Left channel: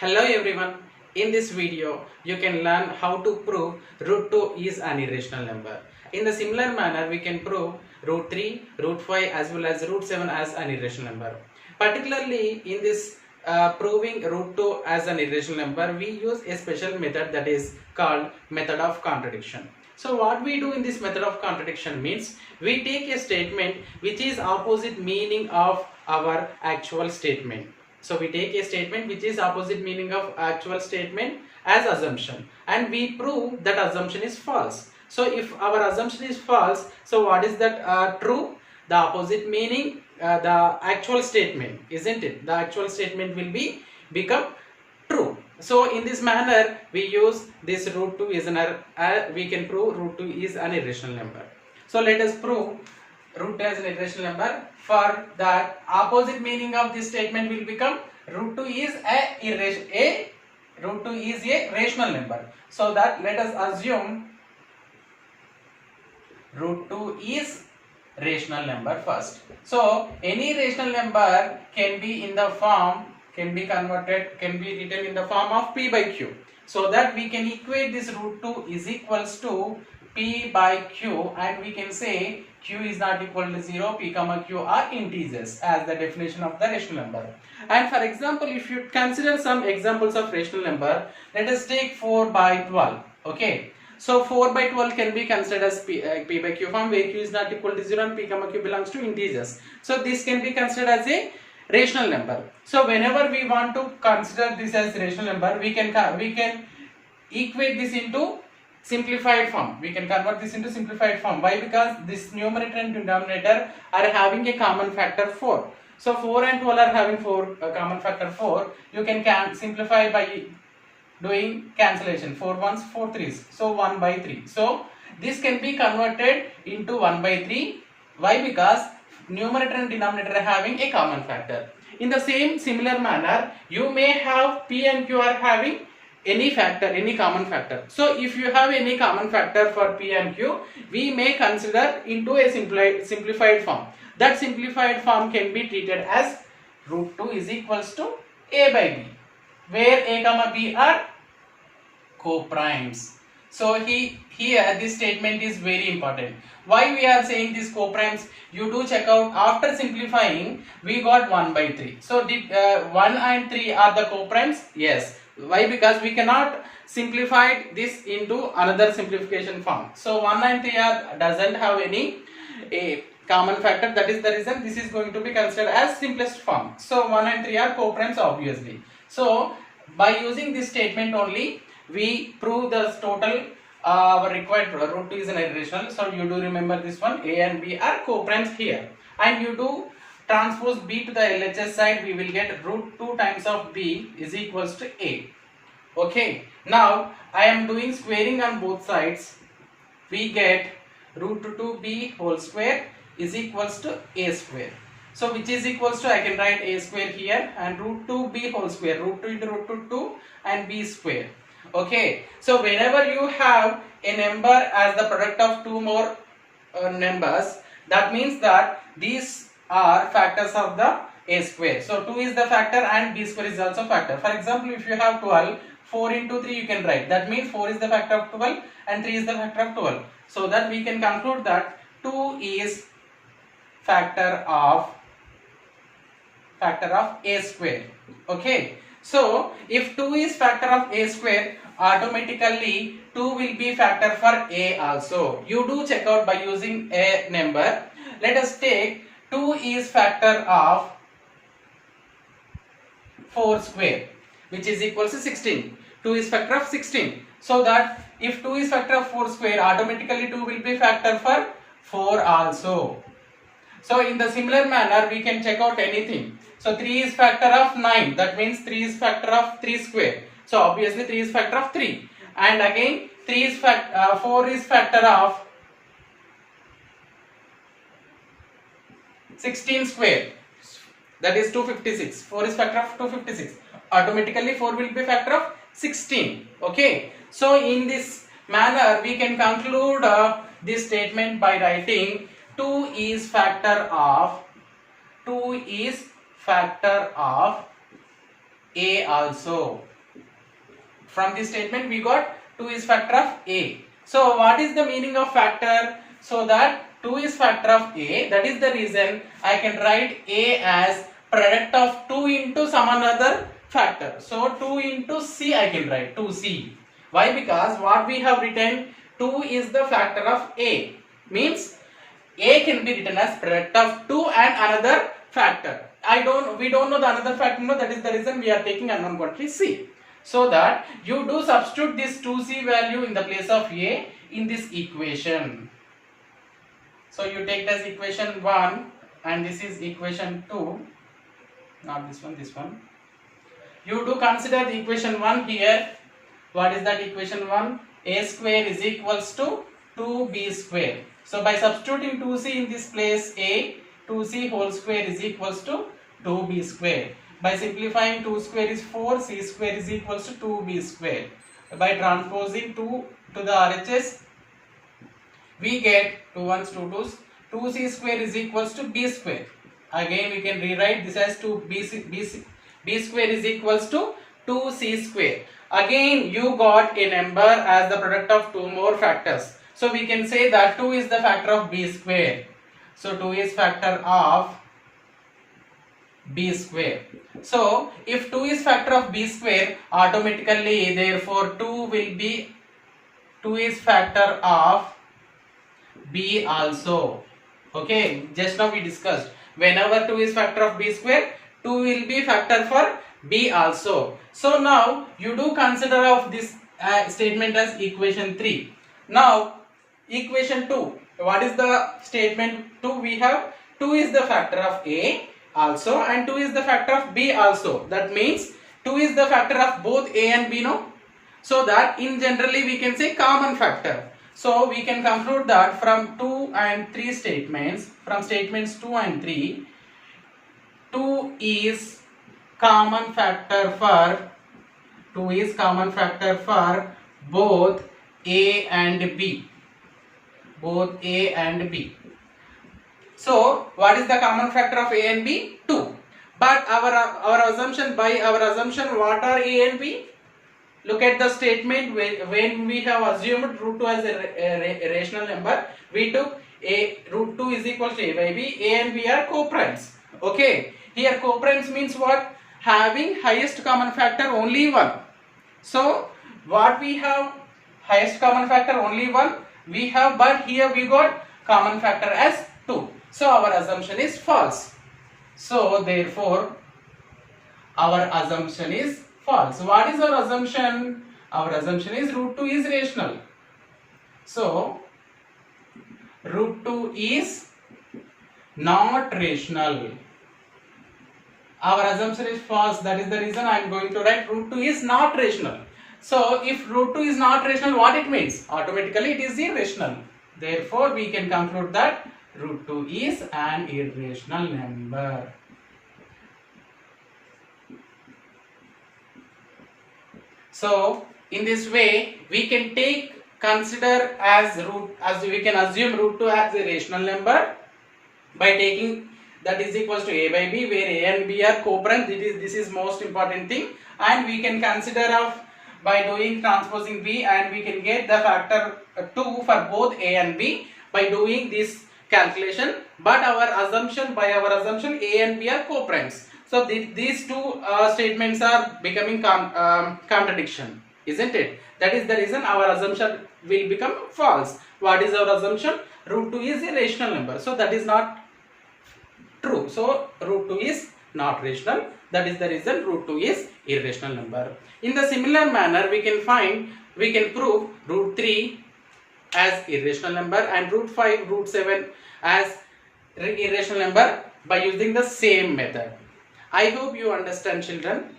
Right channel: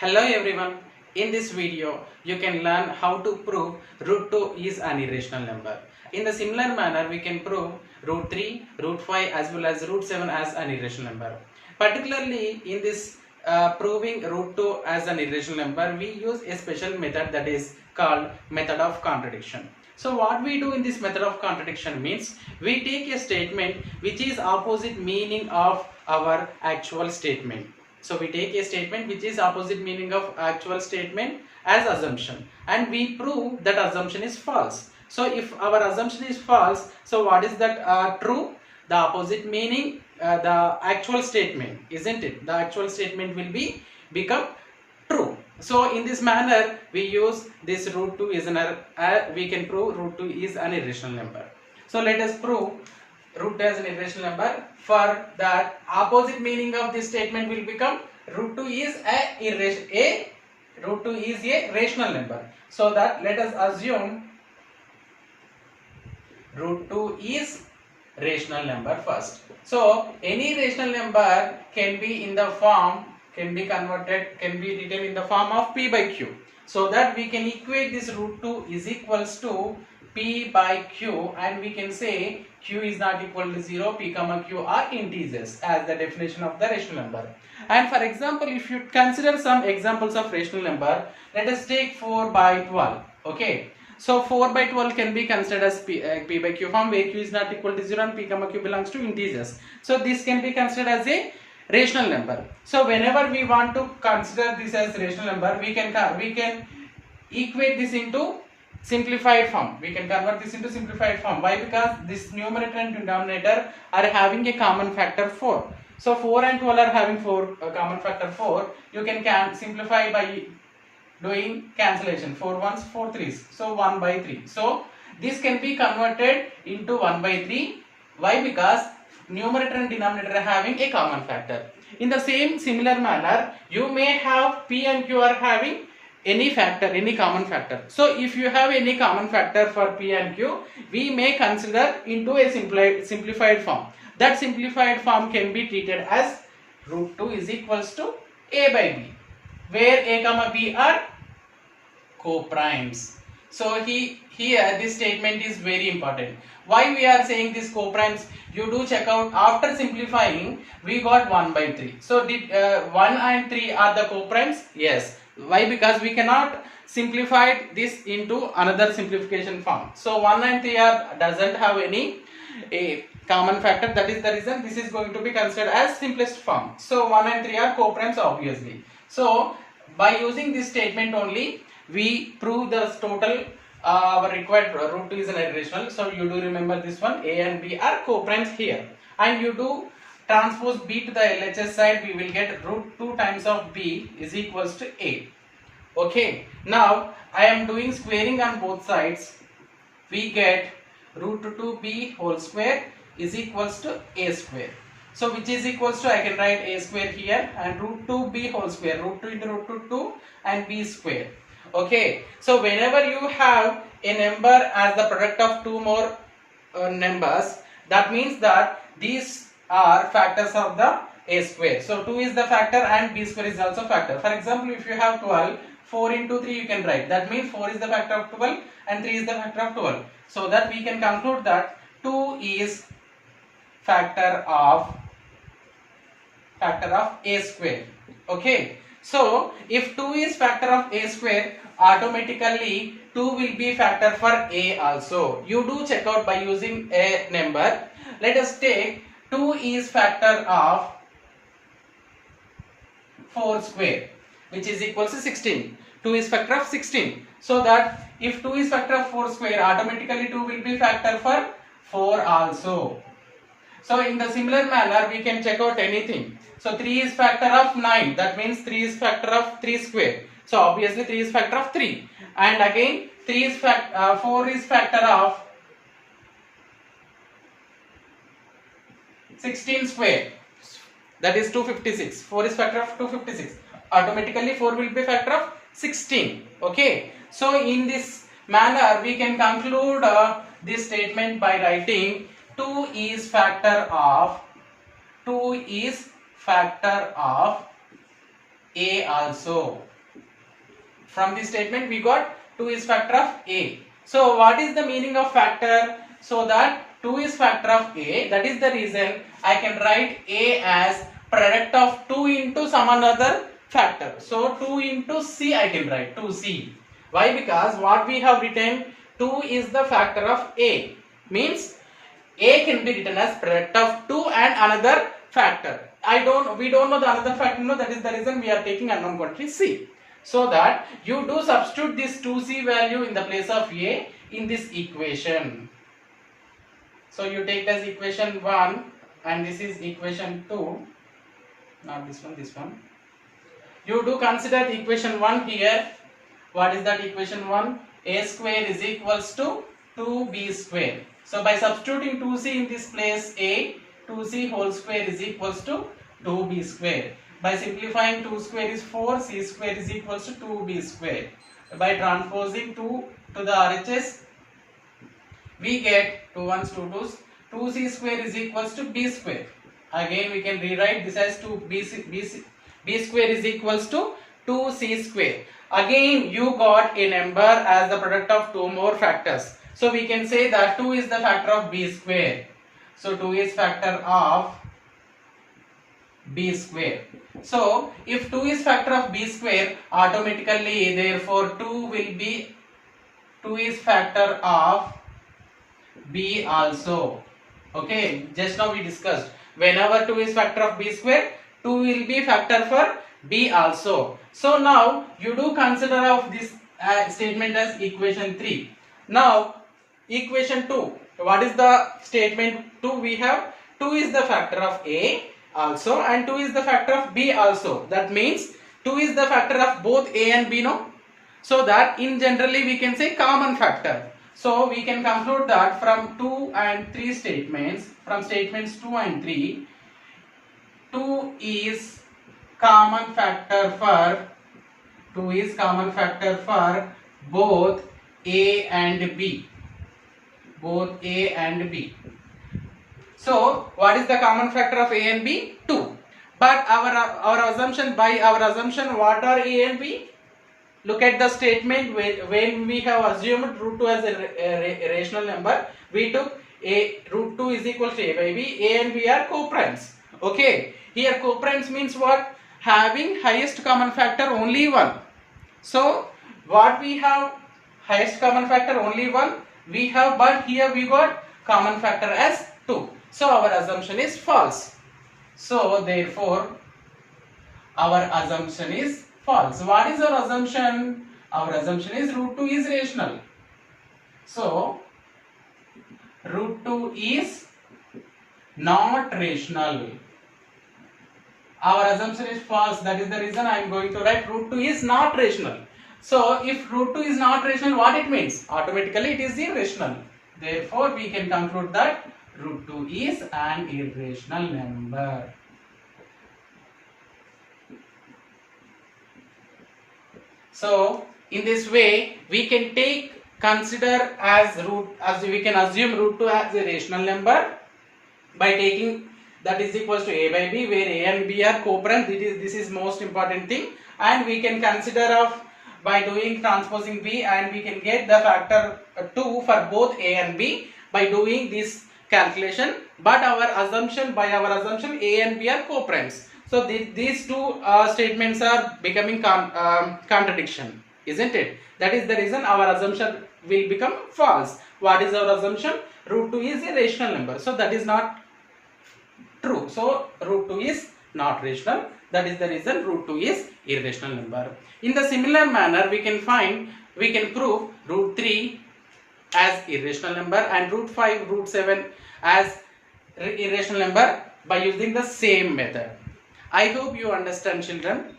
Hello everyone. In this video, you can learn how to prove root 2 is an irrational number. In the similar manner, we can prove root 3, root 5 as well as root 7 as an irrational number. Particularly in this proving root 2 as an irrational number, we use a special method that is called method of contradiction. So what we do in this method of contradiction means we take a statement which is opposite meaning of our actual statement. So we take a statement which is opposite meaning of actual statement as assumption and we prove that assumption is false. So if our assumption is false, so what is that true? The opposite meaning, the actual statement, isn't it? The actual statement will become true. So in this manner we use this root 2 is we can prove root 2 is an irrational number. So let us prove root 2 as an irrational number. For that, opposite meaning of this statement will become root 2 is a rational number. So that let us assume root 2 is rational number first. So any rational number can be in the form, can be written in the form of p by q. So that we can equate this root 2 is equals to p by q and we can say q is not equal to 0, p comma q are integers as the definition of the rational number. And for example, if you consider some examples of rational number, let us take 4 by 12. Okay, so 4 by 12 can be considered as p by q form where q is not equal to 0 and p comma q belongs to integers. So this can be considered as a rational number. So whenever we want to consider this as rational number, we can equate this into simplified form. We can convert this into simplified form. Why? Because this numerator and denominator are having a common factor 4. So 4 and 12 are having common factor 4. You can simplify by doing cancellation. 4 ones, 4 3s. So 1 by 3. So this can be converted into 1 by 3. Why? Because numerator and denominator are having a common factor. In the same similar manner, you may have p and q are having any factor, any common factor. So if you have any common factor for p and q, we may consider into a simplified form. That simplified form can be treated as root 2 is equals to a by b, where a comma b are co-primes. So here this statement is very important. Why we are saying this co-primes? You do check out, after simplifying we got 1 by 3. So did 1 and 3 are the co-primes? Yes. Why? Because we cannot simplify this into another simplification form. So 1 and 3 doesn't have any common factor. That is the reason this is going to be considered as simplest form. So 1 and 3 are co-primes obviously. So by using this statement only, we prove the total required root 2 is an irrational. So you do remember this one, a and b are co-primes here, and you do transpose b to the LHS side, we will get root 2 times of b is equals to a. Okay, now I am doing squaring on both sides. We get root 2b whole square is equals to a square. So which is equals to, I can write a square here and root 2b whole square, root 2 into root 2 and b square. Okay, so whenever you have a number as the product of two more numbers, that means that these are factors of the a square. So 2 is the factor and b square is also factor. For example, if you have 12, 4 into 3 you can write. That means 4 is the factor of 12 and 3 is the factor of 12. So that we can conclude that 2 is factor of a square. Okay. So if 2 is factor of a square, automatically 2 will be factor for a also. You do check out by using a number. Let us take 2 is factor of 4 square, which is equals to 16. 2 is factor of 16. So that if 2 is factor of 4 square, automatically 2 will be factor for 4 also. So in the similar manner, we can check out anything. So 3 is factor of 9. That means 3 is factor of 3 square. So obviously 3 is factor of 3. And again 4 is factor of 16 square. That is 256. 4 is factor of 256. Automatically 4 will be factor of 16. Okay. So in this manner we can conclude this statement by writing 2 is factor of A also. From this statement we got 2 is factor of A. So what is the meaning of factor? So that 2 is factor of A, that is the reason I can write A as product of 2 into some another factor. So 2 into C I can write 2C. Why? Because what we have written, 2 is the factor of A, means A can be written as product of 2 and another factor. We don't know the another factor, no, that is the reason we are taking unknown quantity C. So that you do substitute this 2C value in the place of A in this equation. So you take as equation 1 and this is equation 2, not this one, this one. You do consider the equation 1 here. What is that equation 1? A square is equals to 2B square. So by substituting 2C in this place A, 2C whole square is equals to 2B square. By simplifying 2 square is 4, C square is equals to 2B square. By transposing 2 to the RHS, we get 2 ones, 2 twos. 2C square is equals to B square. Again we can rewrite this as B square is equals to 2C square. Again you got a number as the product of 2 more factors. So we can say that 2 is the factor of B square. So 2 is factor of B square. So if 2 is factor of B square, automatically therefore 2 is factor of B also. Okay, just now we discussed, whenever 2 is factor of B square, 2 will be factor for B also. So now you do consider of this statement as equation 3. Now equation 2, what is the statement 2? We have 2 is the factor of A also and 2 is the factor of B also. That means 2 is the factor of both A and B, no? So that in generally we can say common factor. So we can conclude that from 2 and 3 statements, from statements 2 and 3, 2 is common factor for both A and B. Both A and B. So what is the common factor of A and B? 2. But our assumption, what are A and B? Look at the statement when we have assumed root 2 as a rational number, we took root 2 is equal to A by B. A and B are co-primes. Okay. Here co-primes means what? Having highest common factor only 1. So what we have, highest common factor only 1 we have, but here we got common factor as 2. So our assumption is false. So therefore our assumption is false. What is our assumption? Our assumption is root 2 is rational. So root 2 is not rational. Our assumption is false. That is the reason I am going to write root 2 is not rational. So if root 2 is not rational, what it means? Automatically it is irrational. Therefore we can conclude that root 2 is an irrational number. So in this way we can consider as we can assume root 2 as a rational number by taking that is equals to A by B, where A and B are co-primes. This is most important thing, and we can consider of by doing transposing B, and we can get the factor 2 for both A and B by doing this calculation. But by our assumption A and B are co-primes. So these two statements are becoming contradiction, isn't it? That is the reason our assumption will become false. What is our assumption? Root 2 is a rational number. So that is not true. So root 2 is not rational. That is the reason root 2 is irrational number. In the similar manner, we can prove root 3 as irrational number and root 5, root 7 as irrational number by using the same method. I hope you understand, children.